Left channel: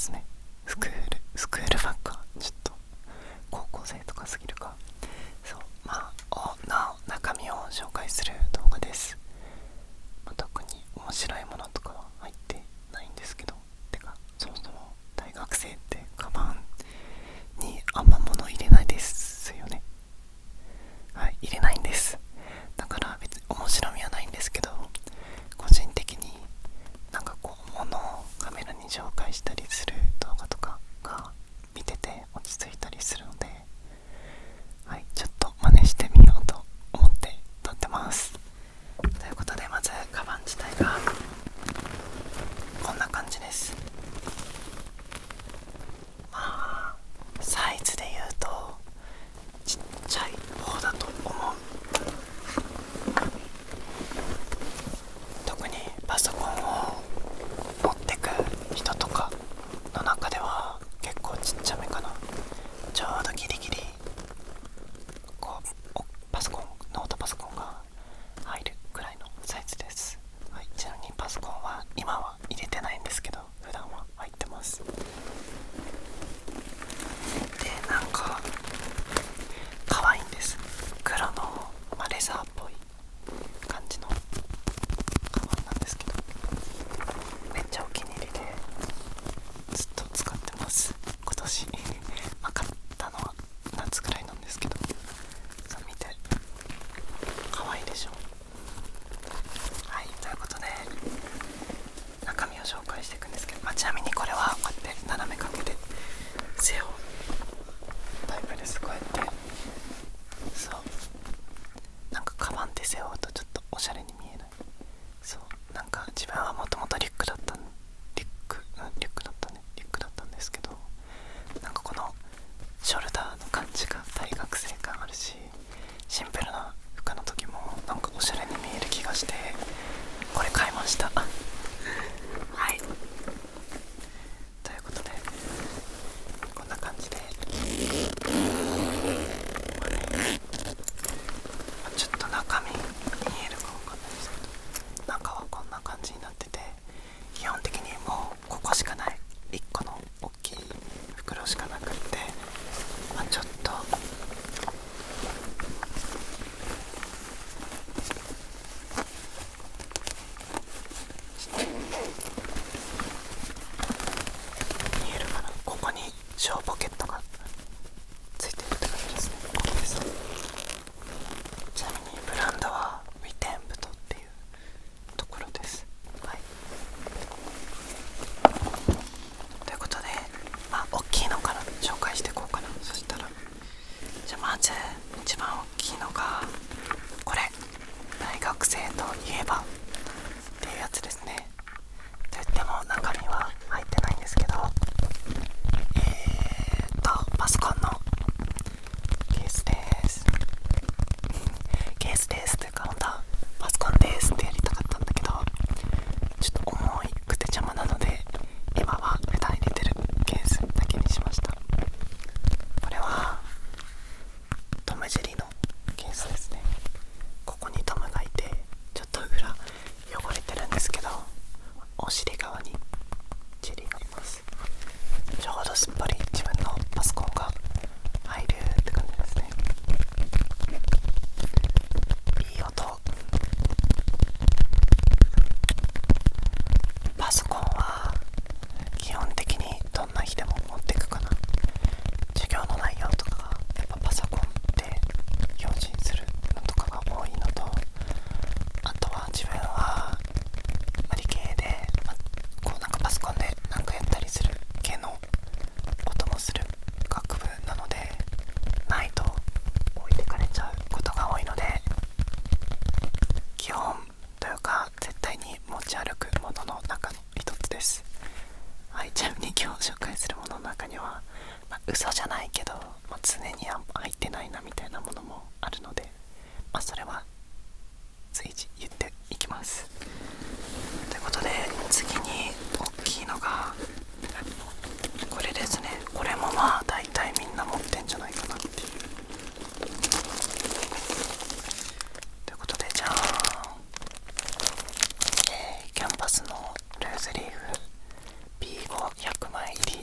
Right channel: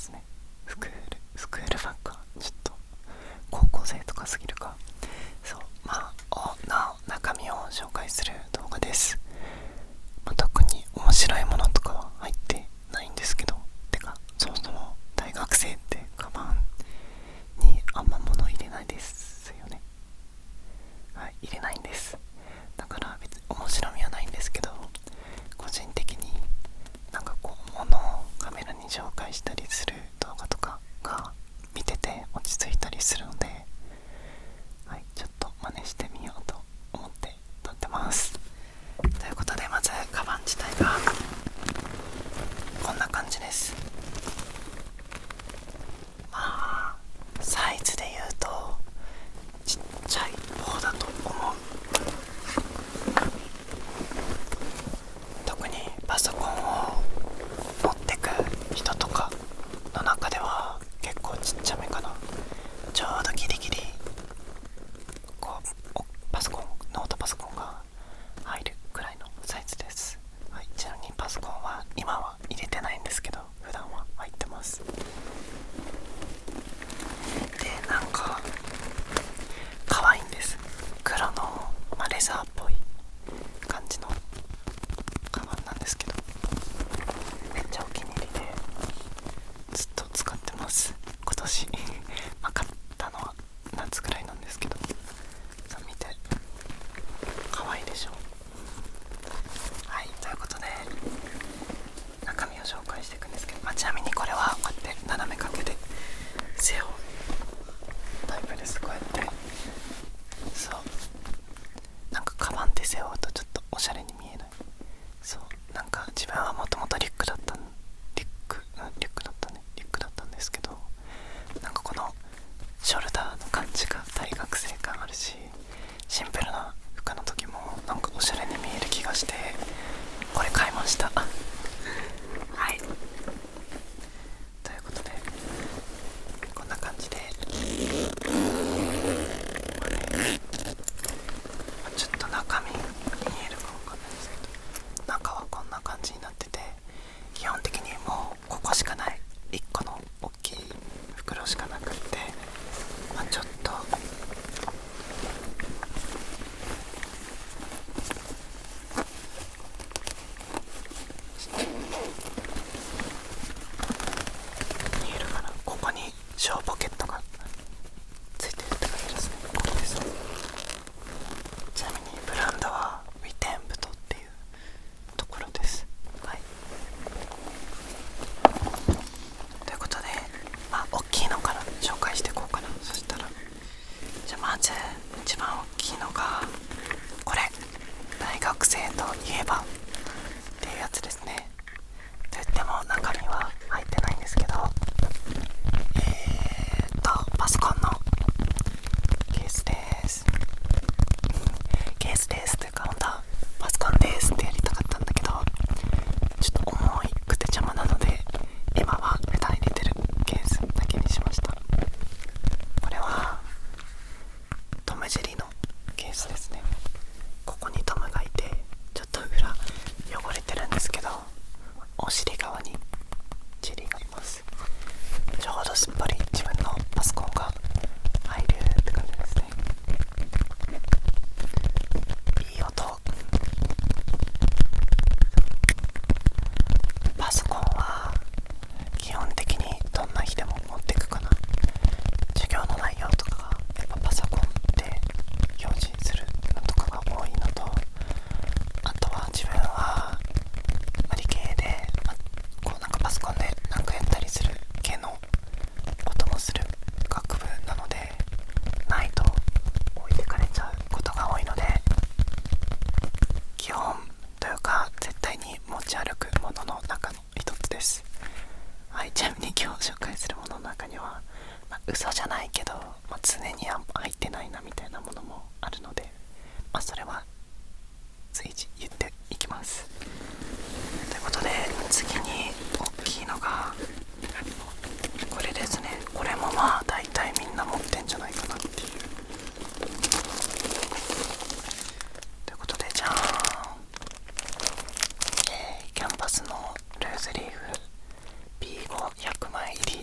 ですね。スクールバッグはちょっと高校生とかすぎるか。そう、中身を紹介する動画です。特に面白いものとかは入ってないんですけど、てかそもそも大学生ってカバンにあんま物入れないですよね。はい、入れないんです。だから別に面白みはないんですけど、個人的に物をカメラに紹介したりする動画とかが見てて落ち着いたりするので、はい、ちょっと真似してみようと思って撮ってます。ということで、まずカバン自体がこんな感じです。サイズで言うとちっちゃい方だと思う。特にパソコンを持ってく人とかの中では結構ちっちゃめかな。ちょうどギリギリノートパソコンが入るくらいのサイズです。はい、ちなみにパソコンは今は入れてないんですけど、普段は入ってます。で、可愛いんです。黒の、レザーっぽい感じのカバンなんですけど、めっちゃお気に入りでずっと使ってます。今年買ったのは夏ぐらいなんですけど、さあ見て、可愛いでしょ。はい、ということで中身を紹介していくんですけど、ちなみにこれはこうやって斜め掛けで背負うタイプです。こうやってそう、カバンって背負うとちょっとおしゃれに見えない。そう、自分はもともとリュックだったんですけど、このショルダーの感じが大学生感あるし、シンプルな服の時もおしゃれに見える気がして、これ買いました。はい、ということでこんな感じで、ちょっと中身見えるかわかんないですけど、中はこんな感じになってて、基本的にもうここしかない、1個の大きい袋しかなくって、ちょっと見えるかな、ここに小ポケットがついてるって感じですね。ここですね。ちなみにブランドはウィテンブトっていうところです。はい、ということで、大きいのから紹介していこうかな。そしたらじゃあまず一番大きいのがこれ、大学生といえばっていうやつですね。と言っても中身は入ってないんですけど、パソコンのケースですというか、本当はパソコンですってやりたかったんだけど、ちょっと重くて邪魔なので、今は普段入れてるケースだけにしました。これはトムジェリのケースですね。ここにトムがいて、ちょっと裏汚れてるんですけど、お尻側にジェリーがいます。ちょうどすっぽり自分のパソコンが入るって感じですね。いい音。パソコンは基本的にどんな日でも持ってくかな。授業の内容とかがやっぱパソコンで表示するのとかが多いのと、あとは自分は理系で、パソコンでやったりする系の音もする学部なので、ないと置いてかれちゃうことが多いので、基本というか絶対に持ち歩くものの中の一つです。はい、ちなみに今日紹介するものの中には、嘘じゃないけど、常に入ってないなみたいなものもあるので、それは随時言っていきます。ということで、次に大きいのがこれですね。これも大体みんな持ってんじゃないかなっていう。ということで、じゃあキャンパスのルーズリーフ B5100 枚入り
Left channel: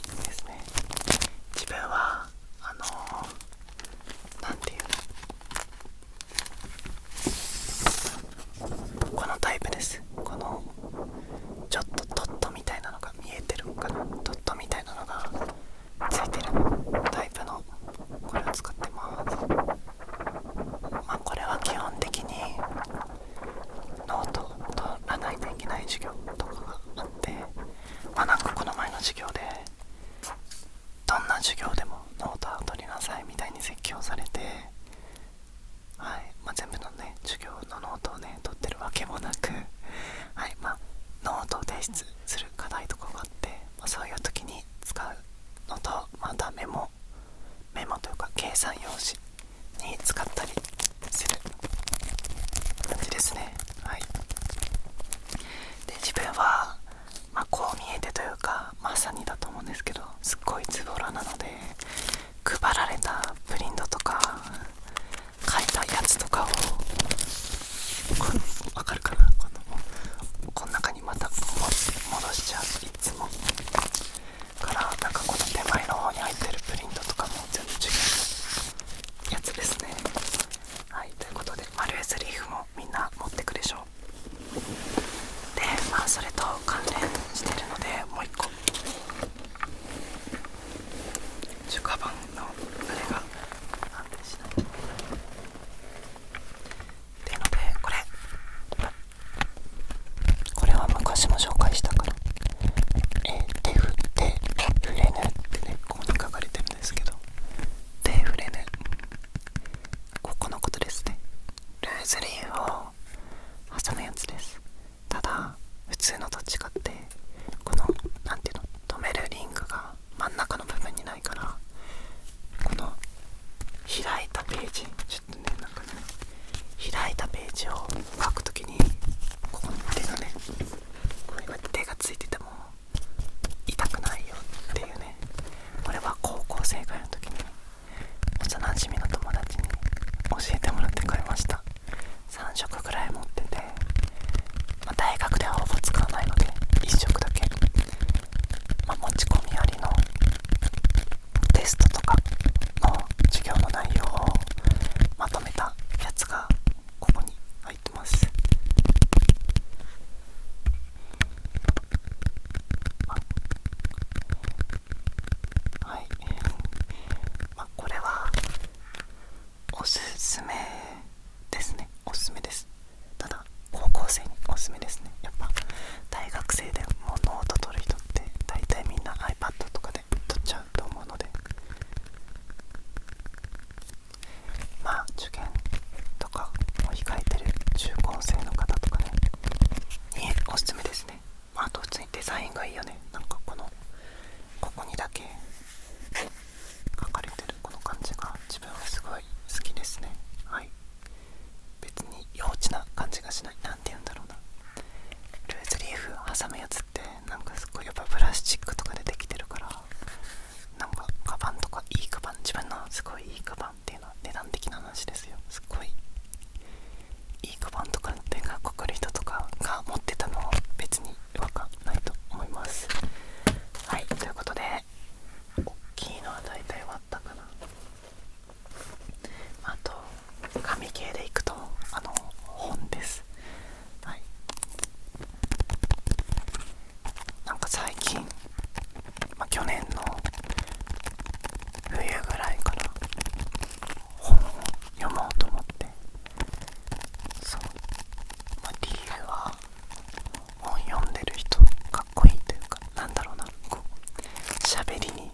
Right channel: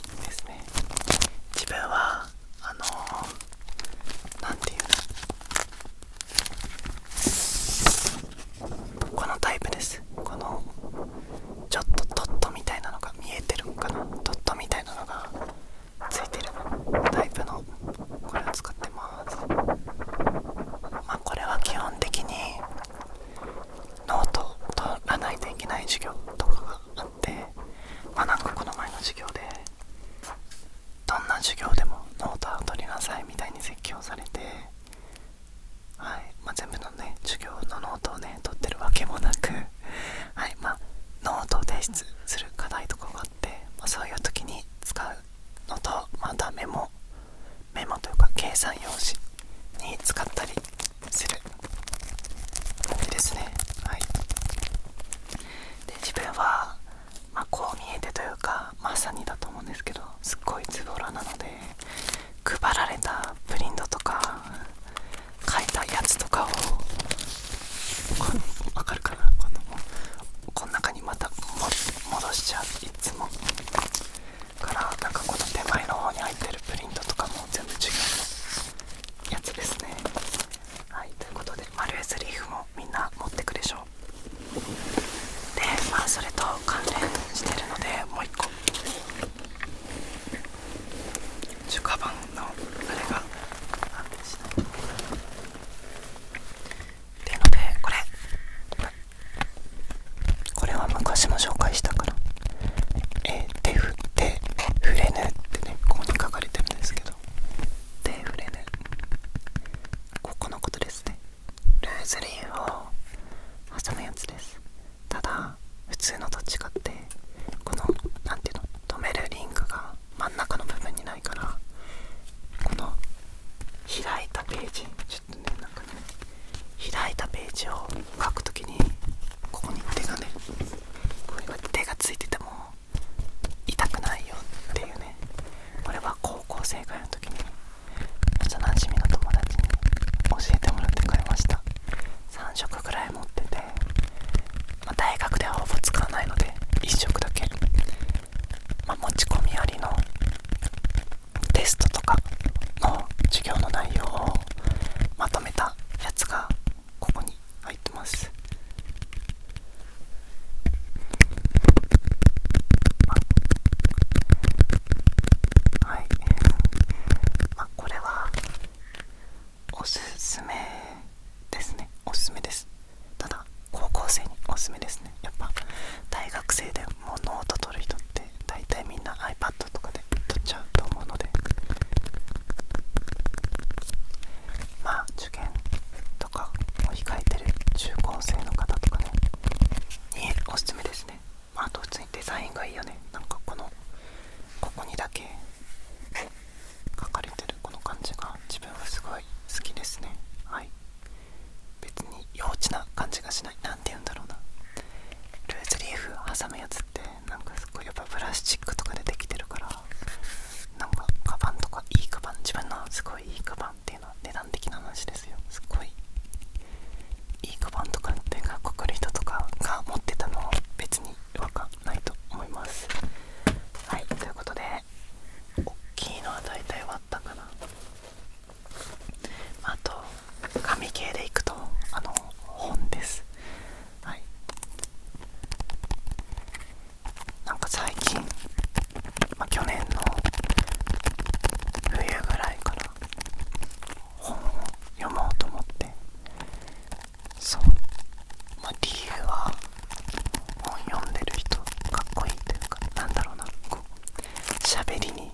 喋りに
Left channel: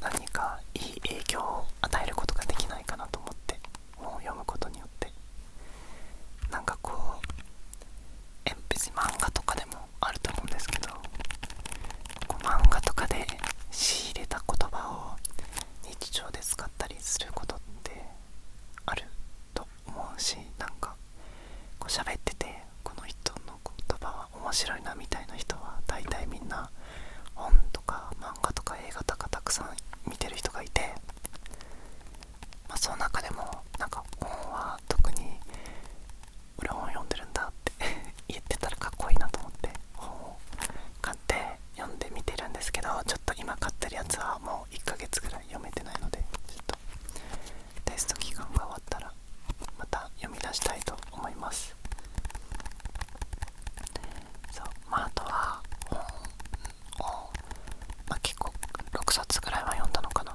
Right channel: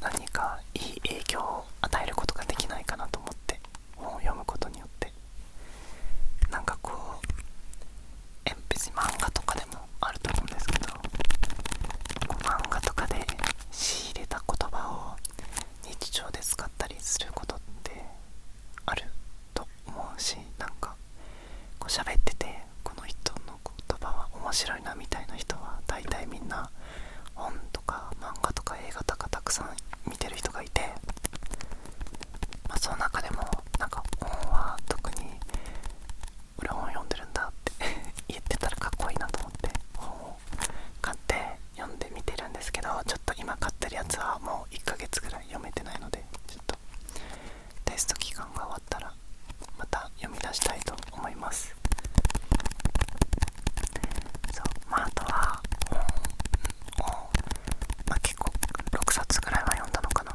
何かいい影響を与えることができないかなと思って、本を読むことによって、なんかこう別に漫画とかでもあると思うんですけど、こう漫画とかで仕入れた言葉を日常で使ったりすることってあると思うし、なんかこう喋っててこの人の言葉は面白いなみたいな人は大体みんな本とか漫画とか映画とかたくさん見てる人がいて、その中でもなんか本は特に俺本読んでるんだって言ってたらかっこいいなと思って本を買って読んでみてるんですけど、ちょっと今買ってるやつはもう1ヶ月ぐらい読めてないので、ちょっとテスト期間が終わったらまた読み出したいと思います。そう、あとは本を、結構6冊ぐらいは読んだのかな、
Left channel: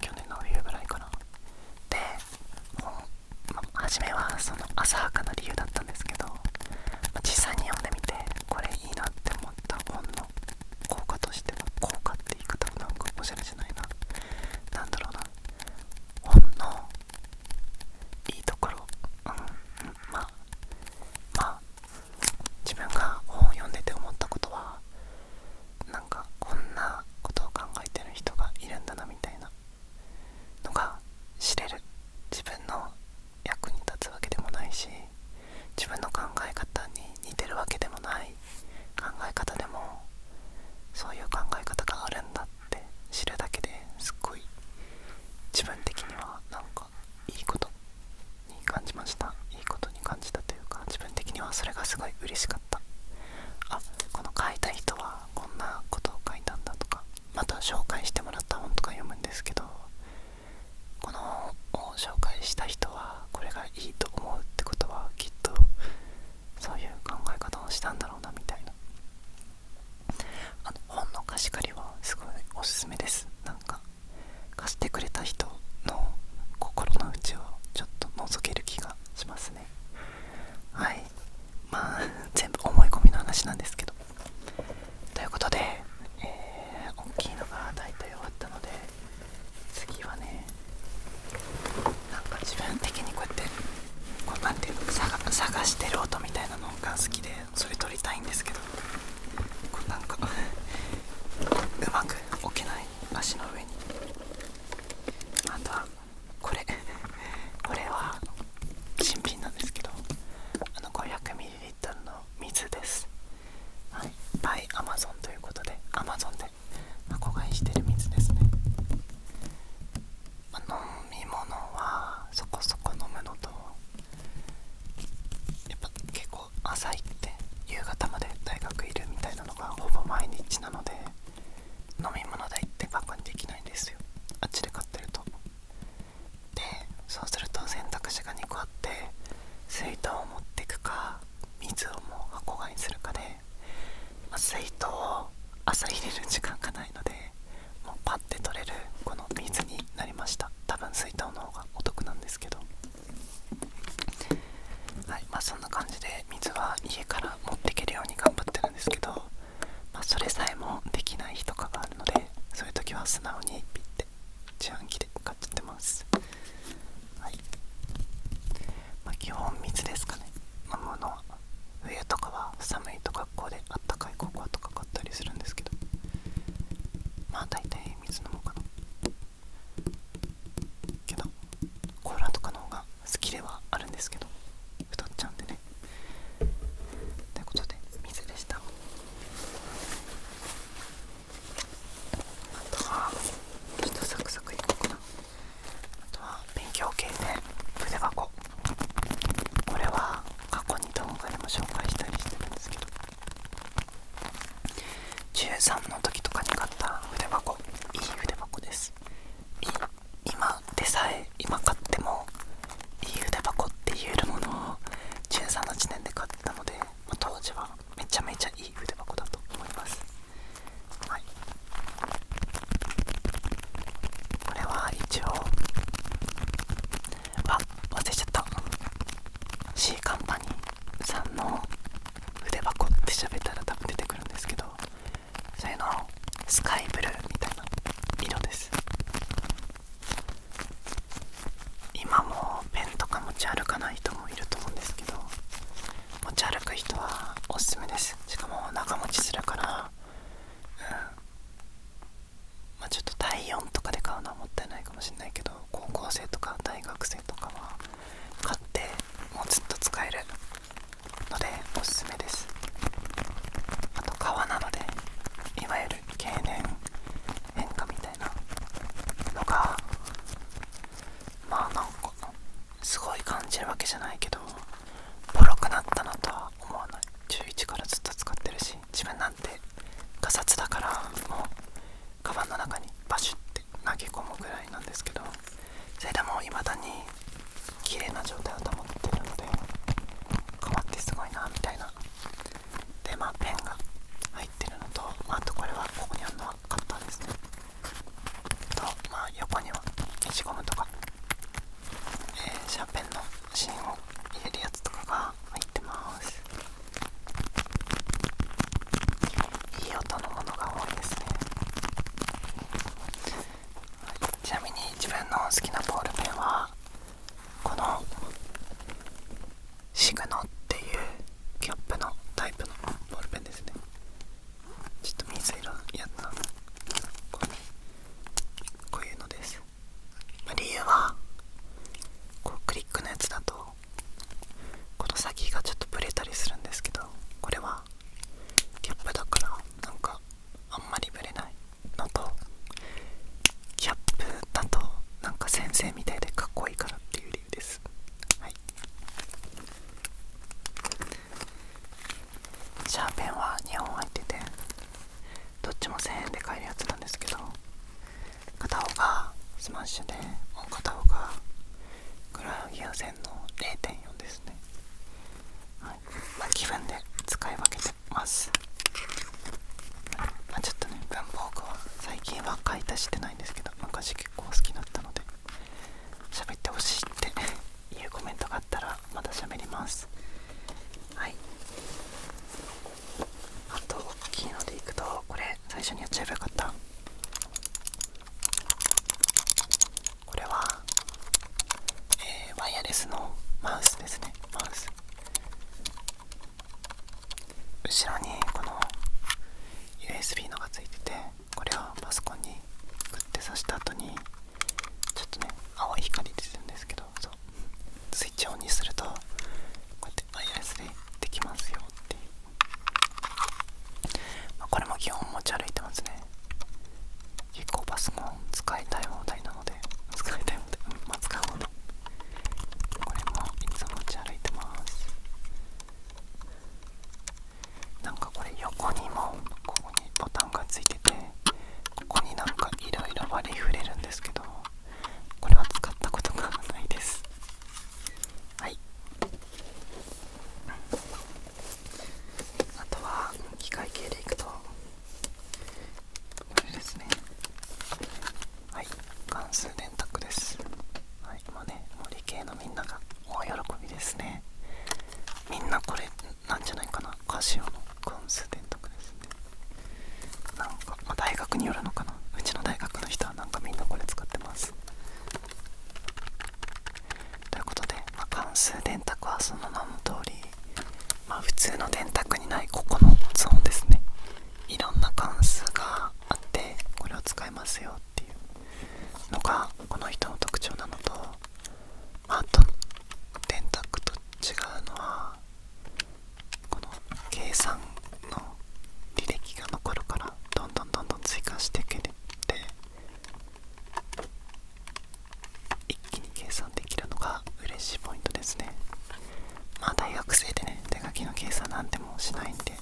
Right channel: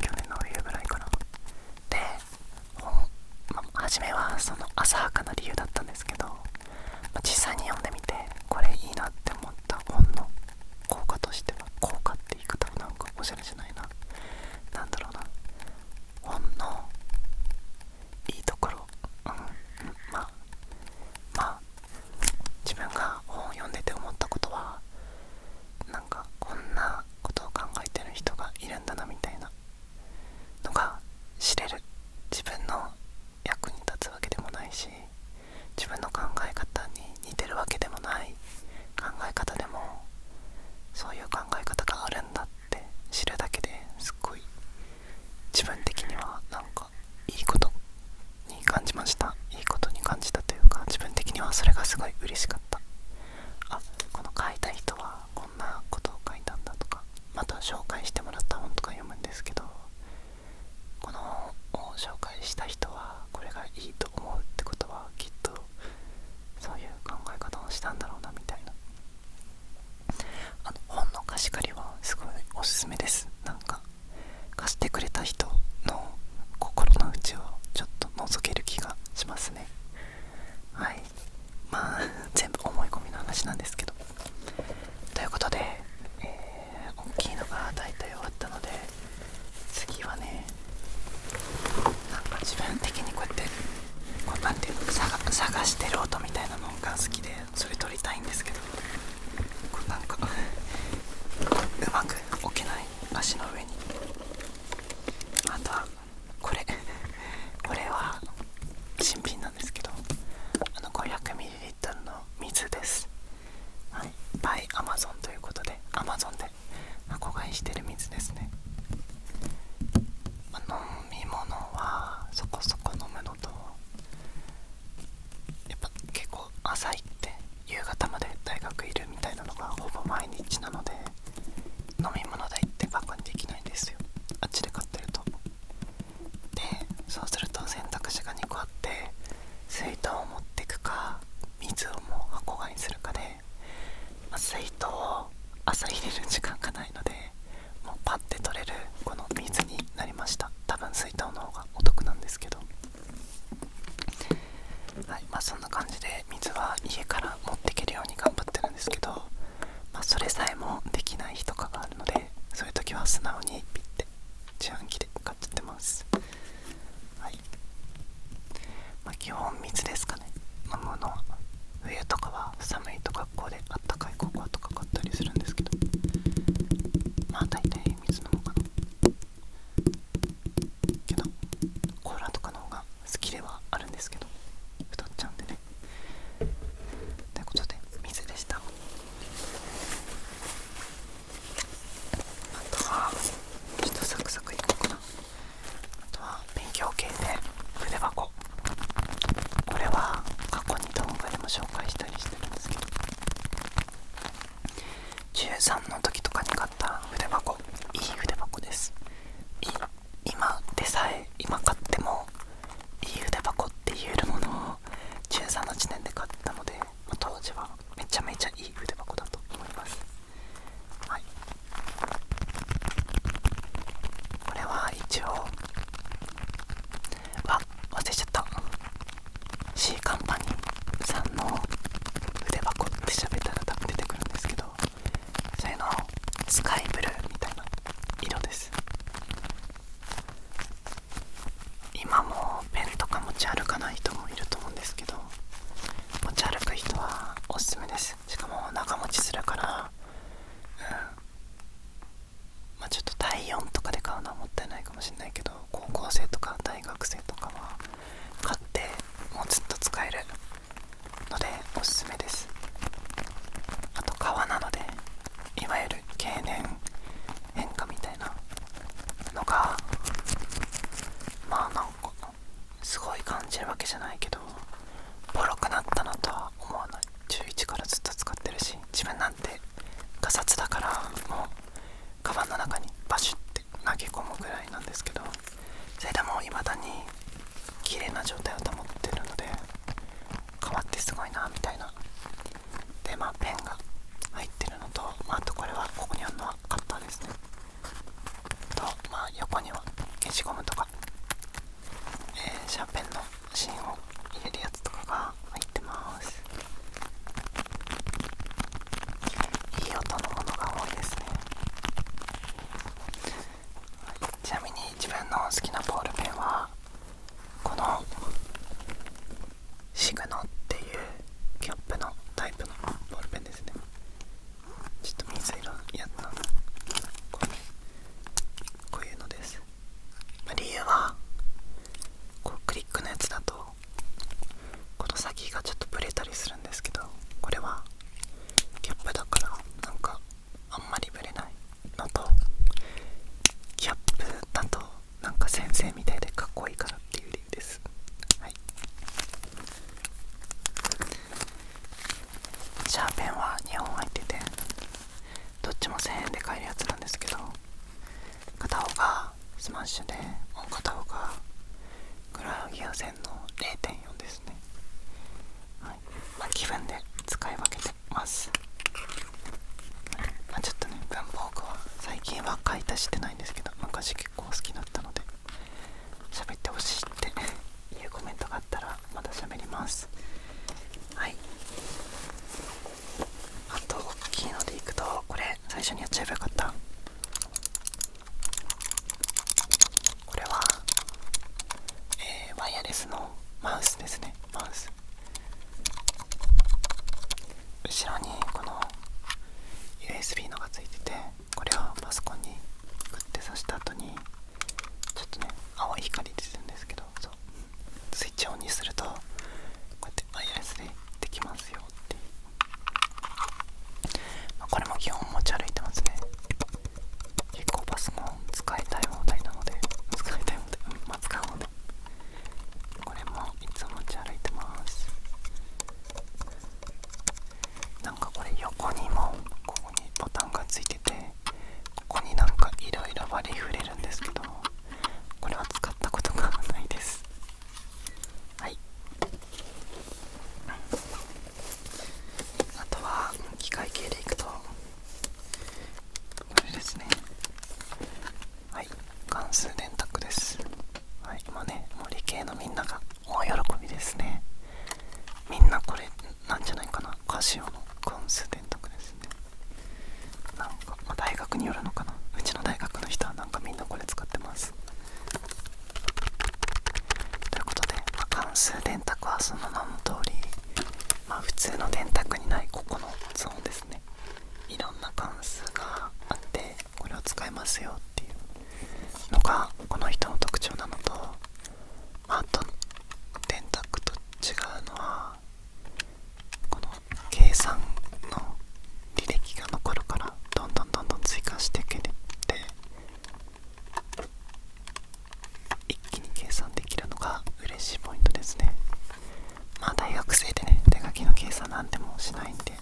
去年の冬ぐらいかな。で本、初めはその浅はかな理由だったんですけど、実際に読んでみてこれいいなって思った本の効果としては、効果って言い方もなんかおしゃれじゃないな、なんだろうな、本のいいところ、自分が本を読んでて思ったことは、なんかこんなことを考えてる人がいるんだなみたいなのが知れる。自分の役に立つわけでもないし、自分の考え方に似てるわけでもない考え方でも、そういう考え方があるんだって知るだけですっごい自分的にはなんかいいことに感じました。いいことに感じたというか、自分的にはそれがすごい嬉しかった。この書いた人はこんなことを書いたんだとか、また紹介してもらった本とか読むんですけど、この本を紹介した人はこれがいいと思うってことは、きっとそういう考え方をしたんだろうなみたいな。本の貸し借りはすごいおすすめです。なんか貸してくれた人の心の内をちょっと覗ける気がしますね。はい、全部思い込みの話なんですけど、ということで、大きいのが大体終わったので、次はね、なんか自分的にこうやってこうなんていうの、探してる音みたいなのが好きで、それ撮りたいんですけど、こうなんかうまく置けない、足の上に。あとはこれは新品なんですけど、500ml の水です。はい、by Amazon ということで Amazon で箱買いしてる水ですね。飲み物はそこそこ飲むのと、やっぱ結構朝行って夕方まで大学いるみたいなのがほぼ毎日なので、飲み物代ってバカにできないんですよ、あっちで買ってると。でそうすると選択肢が2個あって、水筒を持ってくか水をもう箱買いするかで、水筒を朝入れる時間がないので、もうパッて取れるこの水になりました。多分水筒の方がお得なんですけど、はい、そんな感じで水は家から持っていけるように頑張ってるんですけど、それさえもできない日とかがあるので、そういう時は素直にピッて自販機で買っちゃってます。はい、基本水ですかね、飲むのは。冬とかは寒いと学校であったかいココアとか買ったりするんですけど、大体水飲むかな。けどコーラとかの方が好きではあるんですけど、太っちゃうんでね。ということで水でした。あとはちょっとサクサクいこうかな。あとは勉強系で筆箱、これは過去に動画でも紹介したりしてるんですけど、13の時とかに買った筆箱、いい筆箱です。今買ってもいい筆箱って言えるものを13の時点で買ったので、当時はめちゃめちゃいい筆箱だと思います。はい、これは一応忘れちゃった、 C カンパニーさんの筆箱って調べたら多分出てくるんですけど、そういうのしれないけど、高校生とか大学生とかは買ってもうずっと使えるのでおすすめです。あと革なので、いわゆる経年変化みたいなのがまあなんかすごい感じるわけじゃないけど、ボロくなったなとは思わない。中1からずっと使ってるし、自分なんてガサツだからもうカバンの中にバシュって投げ込むぐらいなんですけど、それでも未だに綺麗な状態を保ってるので、革ってすごいなみたいな。でペンが入ってるのと、あとこれはここにあるのはカッターですねと、横には消しゴムとか、シャーペンの芯を入れるやつとかが入ってます。いい音のものが多いですね。ちなみに自分の好きなボールペンはこのシグノっていうキャップのタイプのボールペンですね。ちょっと水色やったこういうのです。理由はこうクリックのやつだとこの先がちょっとブレたりするんですけど、これはキャップだからなんかあんまりブレないのと、キャップだとなんか先生みたいでかっこいいからっていう理由です。はい。シャーペンは2本入ってて、どっちも1000円で買えるやつなんですけど、片方がスマッシュでもう片方がグラフィア線の 0.4 ですね。はい。気分で使い分けてます。ちょっとね、文房具は最近は買い足してないんですけど、昔結構好きだったので、喋ってほしいっていうコメントがあったらまた喋ります。はい。あと大きいのでいくと、これ最初にやっちゃえばよかった。これは、ワイヤレスのマウスですね。マウス後ろにこの USB のがついてて、これをパソコンにグッて挿した後にちょっとね青い光出てるんですけど、そうスイッチをオンにするとこうやってワイヤレスでできますよっていう、これも基本持ち歩いてますね。結構パソコン使いたい放題なので、使う方でこれもいつも持ち歩いてます。なんかこれ横にもここにボタンがついてて、ここになんかいろいろ割り振れるんですけど、これは使ったことがないです。はい。あとは機械系でいくとこれですね。はい、関数電卓です。はい、もう理系のみんなが大喜びですね。みんなこれなんじゃないかな、カシオの関数電卓ですね。なんか、大学によるのかな、うちの大学の人はなんかみんなこれ使ってます。ということで、関数電卓はその名の通り、普通の電卓にないここのゾーンですね。いろんな関数があってこれを使えますよっていうのがこの人の特徴なのと、あと電卓と違うのはこの計算の履歴が残るから、どんどん追加していけて一気に計算できるのが嬉しいポイントですね。大学生でね、手書きの計算なんてもしないんで、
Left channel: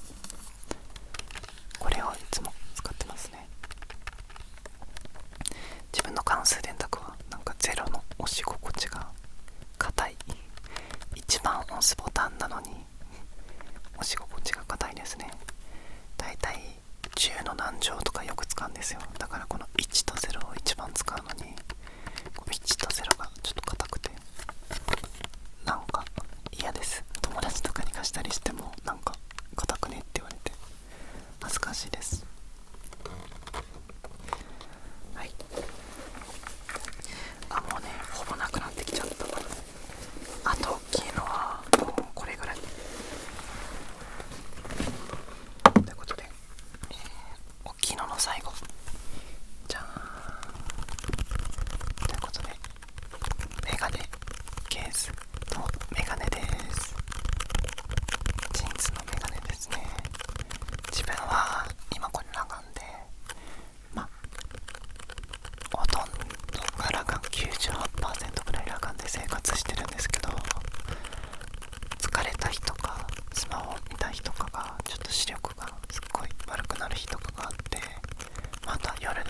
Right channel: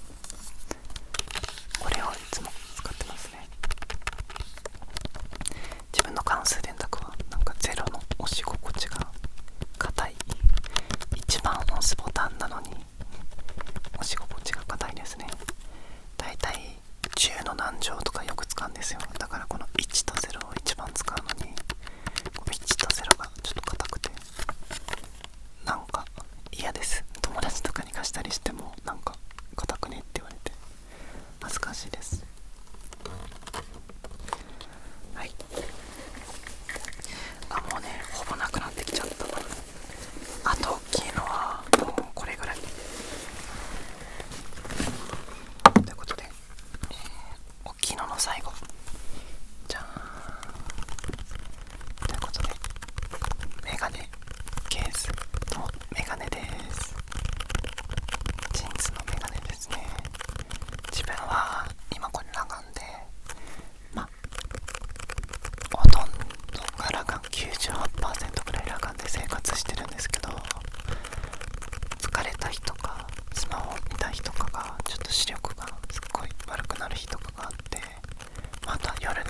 これをいつも使ってますね。自分の関数電卓はなんかゼロの押し心地が硬い、一番押すボタンなのに押し心地が硬いですね。だいたい10の何乗とかよく使うんですよ。だからこの1と0を一番使うのに、1と0がちょっと硬くてなんか嫌です。友達とかに貸したりしてもなんか硬くねって言われて恥ずかしいです。はい。もうねほぼなくなってきちゃった。あと大きいのはもうこれぐらいということで、大きいのの最後じゃーん。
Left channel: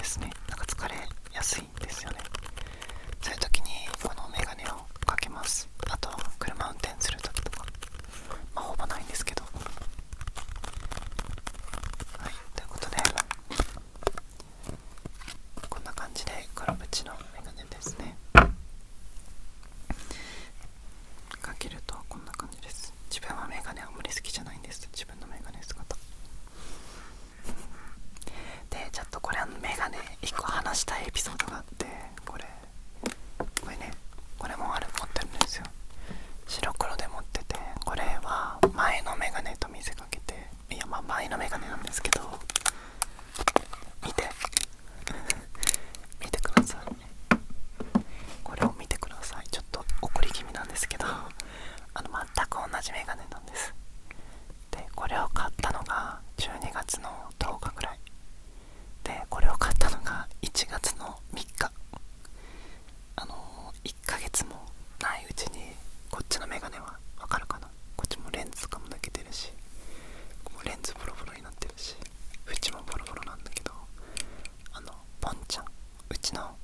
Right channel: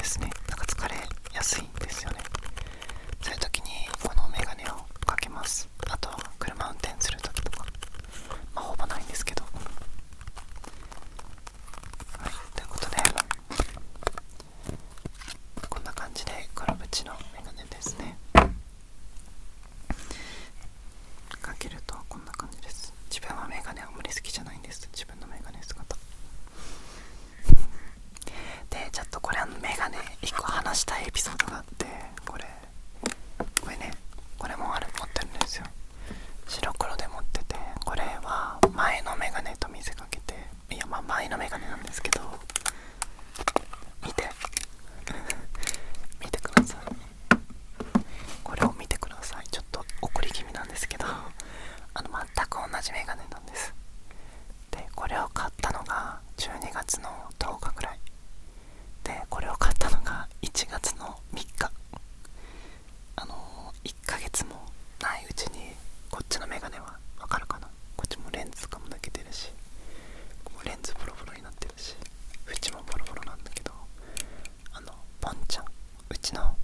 ですね。なんか疲れやすいんですよね。そういう時にこのメガネをかけます。あとは車運転する時とか、ほぼないんですけど。はい、ということでこんな感じで黒縁のメガネですね。かけるとこんな感じです。自分はメガネあんまり好きじゃないんです。自分のメガネ姿で、ちょっとこれメガネ1個話したいエピソードがあって、これね、これも持ってるんですよ。白黒で持ってて、これは前のメガネと見せかけて、いや前のメガネなんですけど、見て見てください。これを見てください。ちょっと怒り気味なんですけど、全く同じメガネなんです。で、これを買ったのが12月の10日ぐらいで、これを買ったのが1月の3日。1ヶ月もないうちに、こっちのメガネはわかるかな、こっちもレンズとかも抜けてるし、もうレンズボロボロになってるし、縁もボロボロなんだけど、ポンちゃん、うちの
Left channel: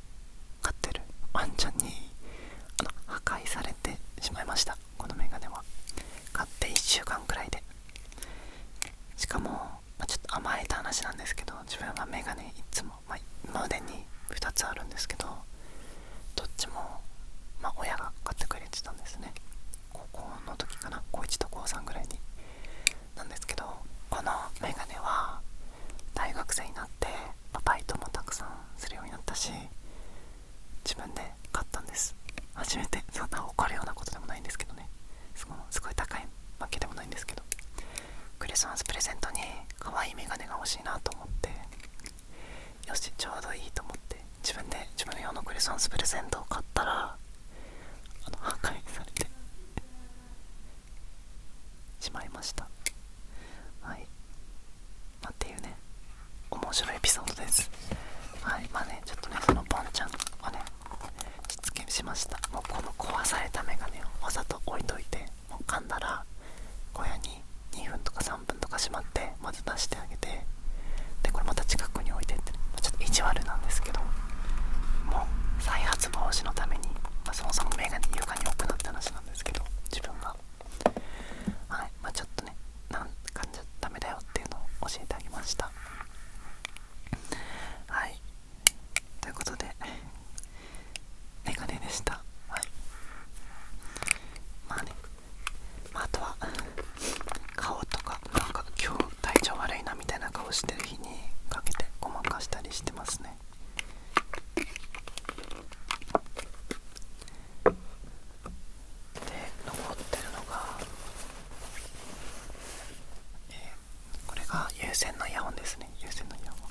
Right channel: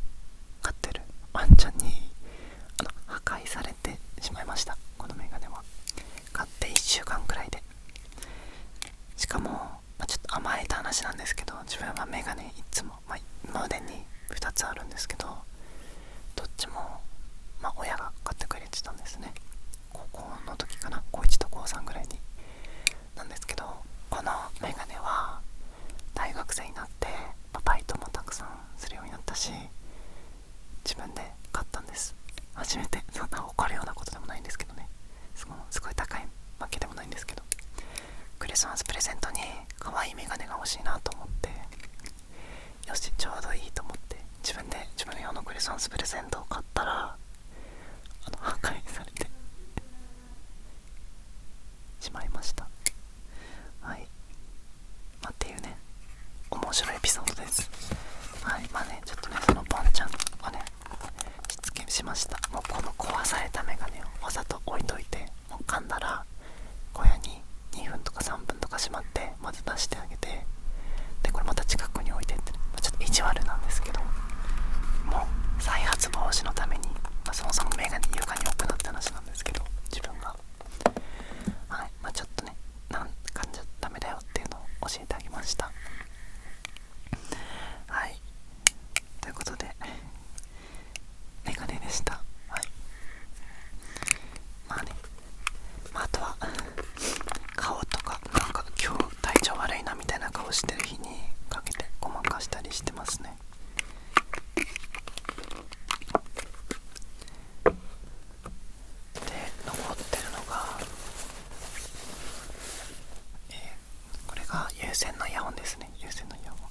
飼ってるワンちゃんに破壊されてしまいました。このメガネは買って1週間くらいで。しかも、ちょっと甘えた話なんですけど、自分はメガネいつも、今までに2つあるんですけど、どっちも、親が買ってくれてたんですね。高校の時かな、高1と高3ぐらいになんですけど、このメガネは大学生になってバイトもたくさんするようになったし、自分で買ったんです。初めて。そんな怒るようなことでもないんですけどね、すごい高いわけでもないんですけど、クリスマスプレゼントに可愛いメガネが欲しいなと思って、よしちょうどいいと思って自分の用のクリスマスプレゼントを買ったら、破壊されてしまいました。はい、っていうね、面白いエピソードです。はい、ちょっとね、そのポンちゃんをね、しつけしました。もうこの壊されたメガネをわざと置いといて、もう噛んだら小屋に2分とか3分とかしまって、まず出してあげて、でこれまた近くに置いてって、ちょっと意地悪なんですけど、もう再発防止のために、そもそもメガネ床に置くなって話なんですけど、自分がはい、ちょっとね、噛んじゃダメだよっていうのを教えてあげました。はい、ということでメガネでした。はい、あとは顔とか、なんか今日体調悪いなみたいな顔してる日にかけてごまかしたりしてますね。で、残ってるのが、これが有線のイヤホンですね。有線のイヤホン、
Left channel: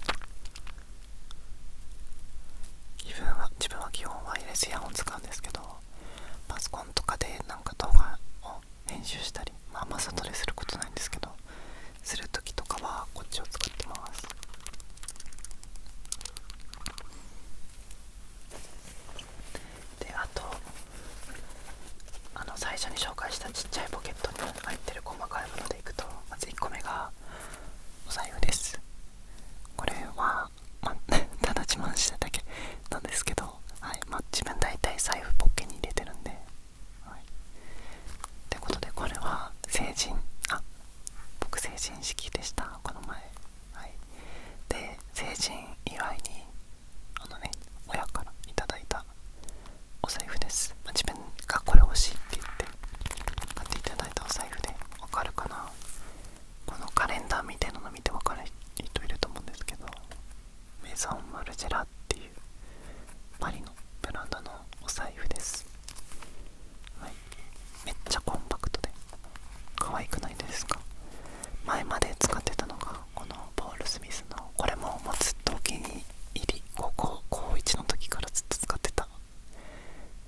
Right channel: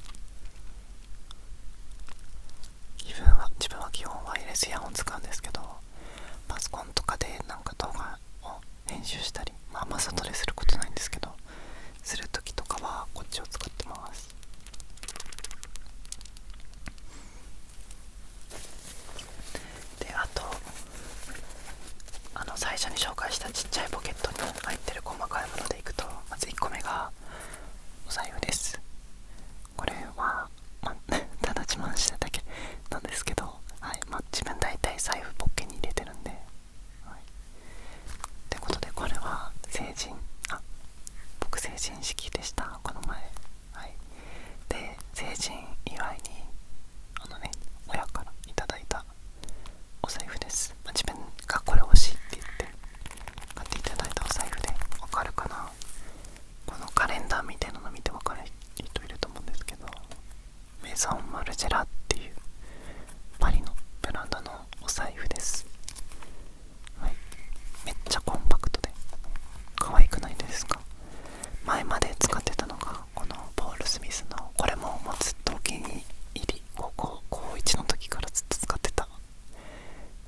自分は基本ワイヤレスイヤホン使うんですけど、パソコンとかでなんか動画を編集したり、マサトですることないんですけど、するときとかはこっちを使ってます。で、あと最初に紹介したちっちゃいポケットに入ってる細かいものでいくと、まず1個目がお財布です。これは、ただ自慢しただけなんですけど、はい、自分大体財布ポッケに入れてるんで、はい、ってことで、これは僕成人式でした、この前。はい、で、成人祝いに親からいただいたお財布です。自分がこれ欲しいって言って買っていただいたお財布で、わかるかな、このカレンダーみたいなの見てわかる人いると思うんですけど、メゾンマルジェラっていうパリのブランドのお財布です。はい、めっちゃコンパクトで可愛くないですか。前まで使ってたのがこのポール・スミスの、これもずっとお気に入り、高1の時からずっと使ってた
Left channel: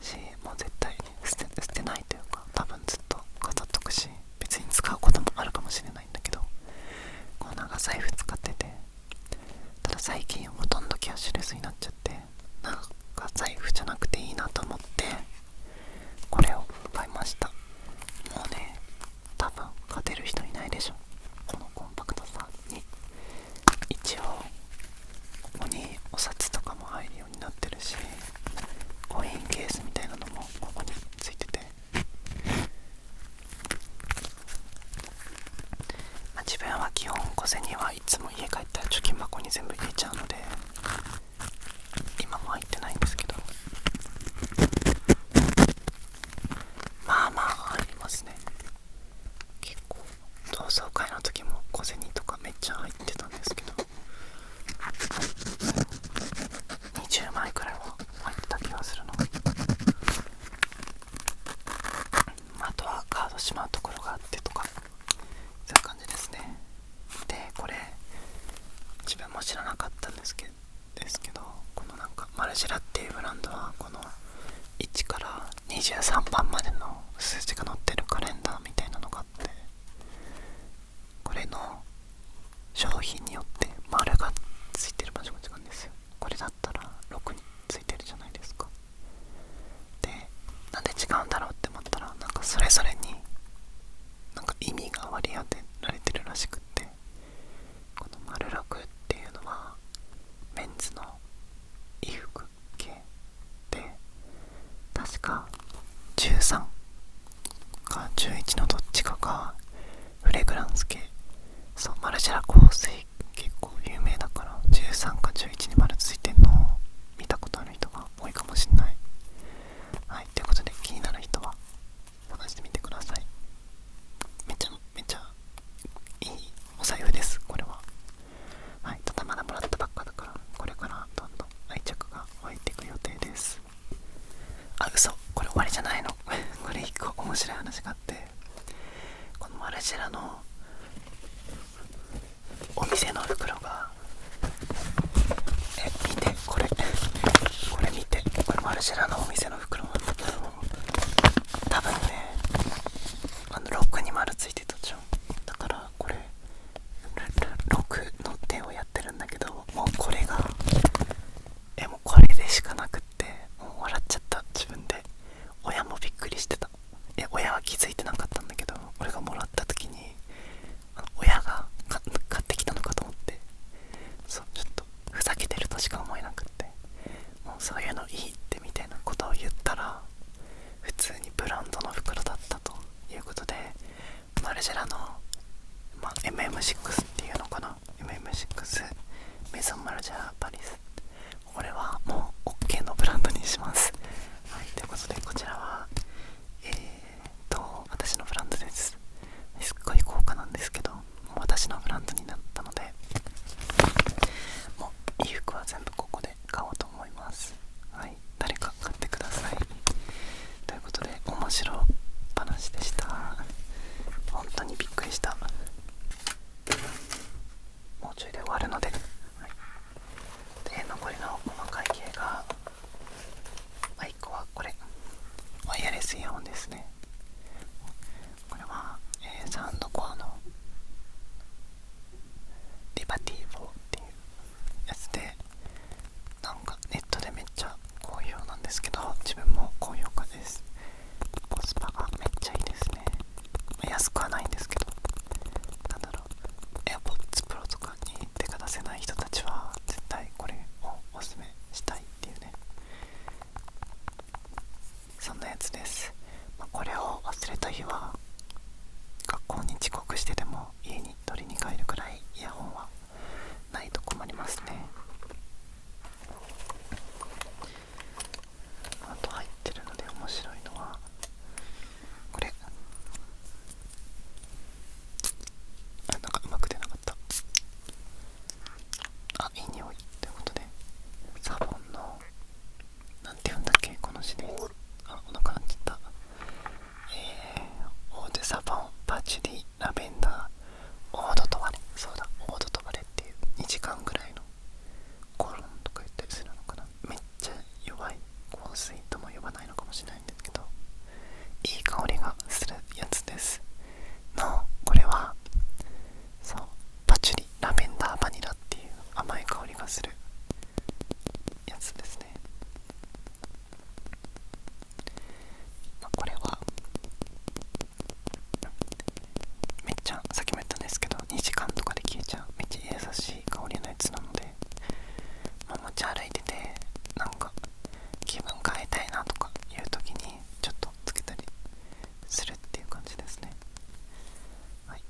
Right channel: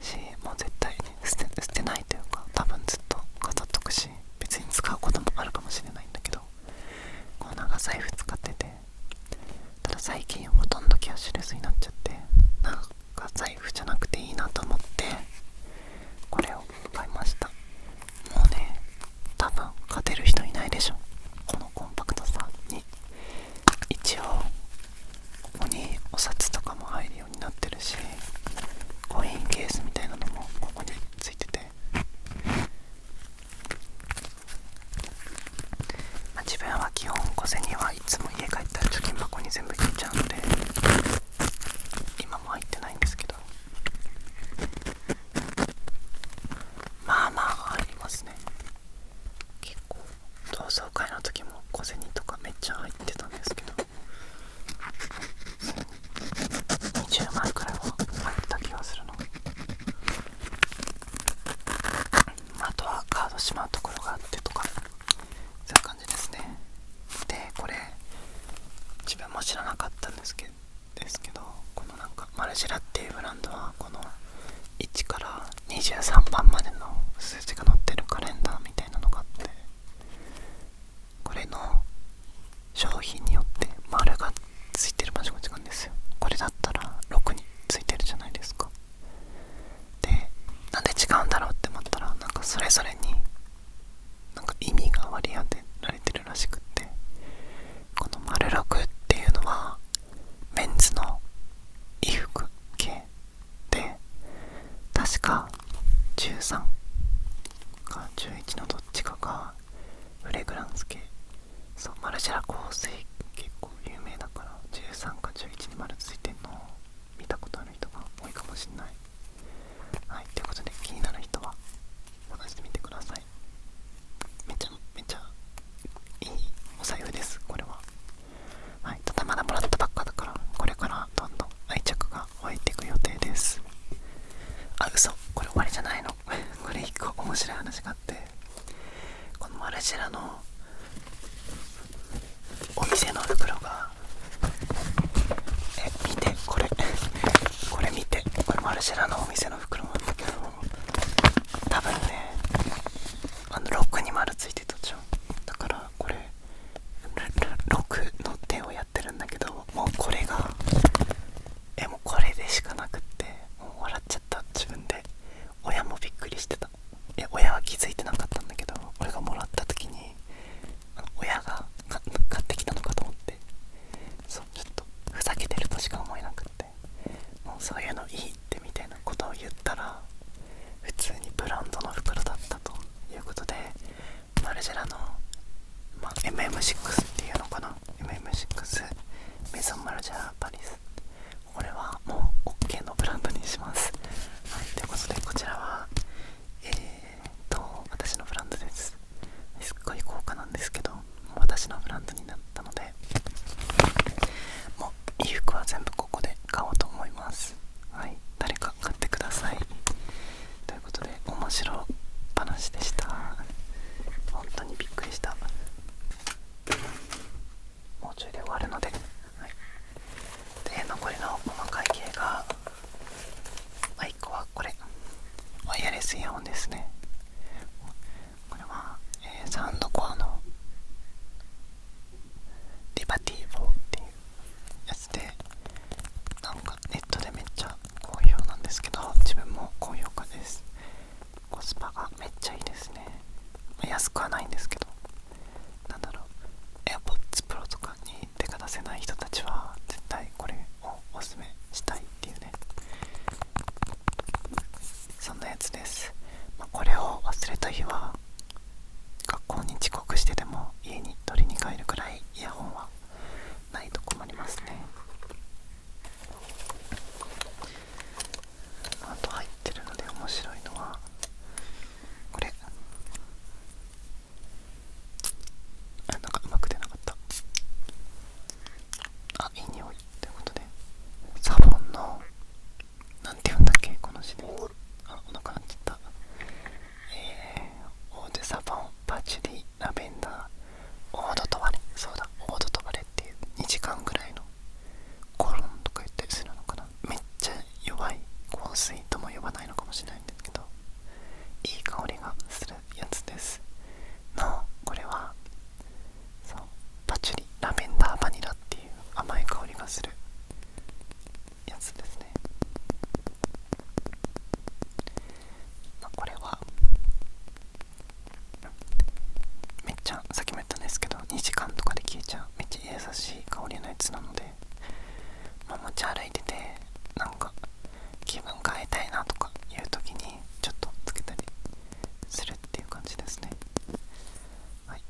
し、もう絶対に捨てないというか、多分ずっと飾っとくし、別に使うこともあるかもしれないんだけど、この長財布使ってて、ただ最近ほとんどキャッシュレスになっちゃって、なんか財布じゃなくていいなと思ってこれを買いました。もうね、多分勝てる人いないでしょ、このコンパクトさに。一応ここにお札銭はいつも家帰ったら貯金箱に全部入れちゃうので今も入ってないんですけど、まあまあ入りますね。結構同窓会の時も小銭とかめっちゃ入ってたんですけど、20枚くらいは入ってた気がするの。あとはカードしまうところがあってとか、そういう感じですね。でこれ自分も知らなかったんですけど、このなんかマルジェラっていうブランドはこの1から23番までの数字が載ってるカレンダーみたいなのがあって、これの商品によって丸がついてる場所が違うんですよ。これだったら6についてるじゃないですか。でなんで違うんだろうって思ったら、なんかそれぞれになんか意味が割り当てられてるらしくって、この丸6っていうのはメンズの衣服系で、確か13か11のどっちかがフレグランス系。そう、マルジェラ香水結構有名だから13か11に丸ついてんのを見たことある人が多いかもしんない。はい、ということで気になる人は探してみてください。めちゃいいお財布です、これは。はい、ただまだもらったばっかだから、これからどんどん愛着が湧いていく予定です。あ、嘘、これ終わりじゃないのこれ一個面白い話があって、このマルジェラのお店の袋が、見てこれ見て、これマルジェラのお店の袋なんだけど、多分ねロックに丸ついてたじゃん。だからこれロックの手をやってるんだけど、もうこれがもうこれでしかなくって、もう笑っちゃった、自分で。親もびっくりしてた。親は気づいてなかったんだけど、俺がもらった時に親が買ってきたのかと思って、そう、ちょっとふざけてるとしか思えなくって、もうそういうのいいってみたいなことを言ったら、普通にブランドの袋だったということで、マルジェラの、MM6 っていうのかな、 MM6 メゾンマルジェラパリス、これはもう OK のブランドにします。はい、ということでこちらは私のブランドです。すっごい高価なんですけど、もう私のブランドになったので、もう衣服は全部ここで買おうと思います。はい、誰か買ってください。ということで面白話でした。本当にびっくりした。もうちょいで終わるので、はい、で残りの細かい系が、1個はこれワイヤレスイヤホンですね。これは、サウンドコアのリバティー4っていうやつで、なんかネットでめっちゃ好評なんですけど、自分も高評価です。コスパがめっちゃいいですね。安くはないんですけど、なんだろう、 AirPods Pro とかに手が出せない人たちは絶対これをおすすめしたいっていうね、そんなやつです。これを忘れた日は学校に遅刻してでも家に取りに帰るくらいイヤホンはないと困りますね。あと入ってるので面白いのはこれ、なんかうまく出なかった。いい匂いということで、サボンのなんて言うんだっけこのシリーズ、お腹鳴っちゃった。オーデサボンパチュリラベンダーオードトワレ、そうだ、オードトワレっていう2時間ぐらいのコロンとか言ったりするのかな。めっちゃ弱い香水とも呼ばないのかもしれないんですけど、いい香りがするやつですの。これはそう、パチュリラベンダーバニラっていう甘い香りがするやつですね。これはめっちゃ、さっきも言ったんですけど2時間とかで消えちゃうめっちゃ優しい香りのやつなので、持ち歩いててなんか気分変えたいなとかいう時にちょっとつけたりするっていう感じですね。はい、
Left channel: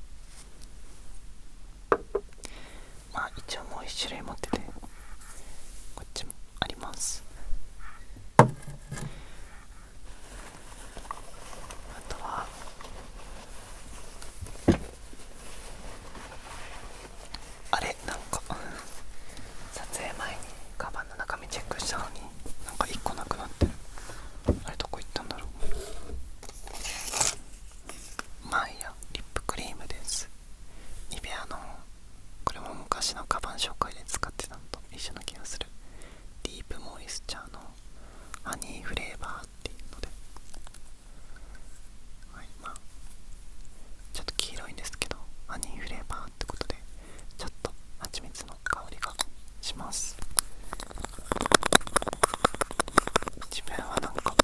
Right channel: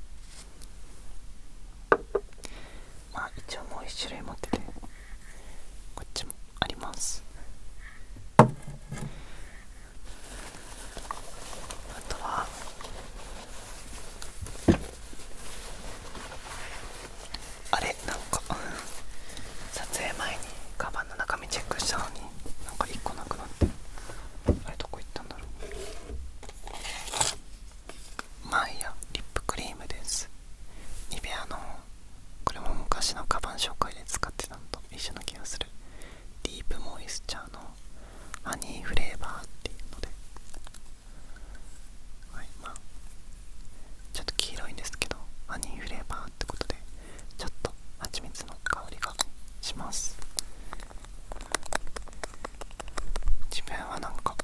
します。自分はなんか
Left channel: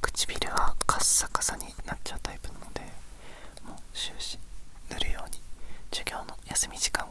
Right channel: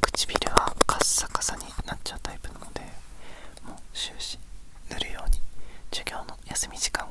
唇はカッサカサになっちゃうタイプなので、もう終始塗るように授業の休み時間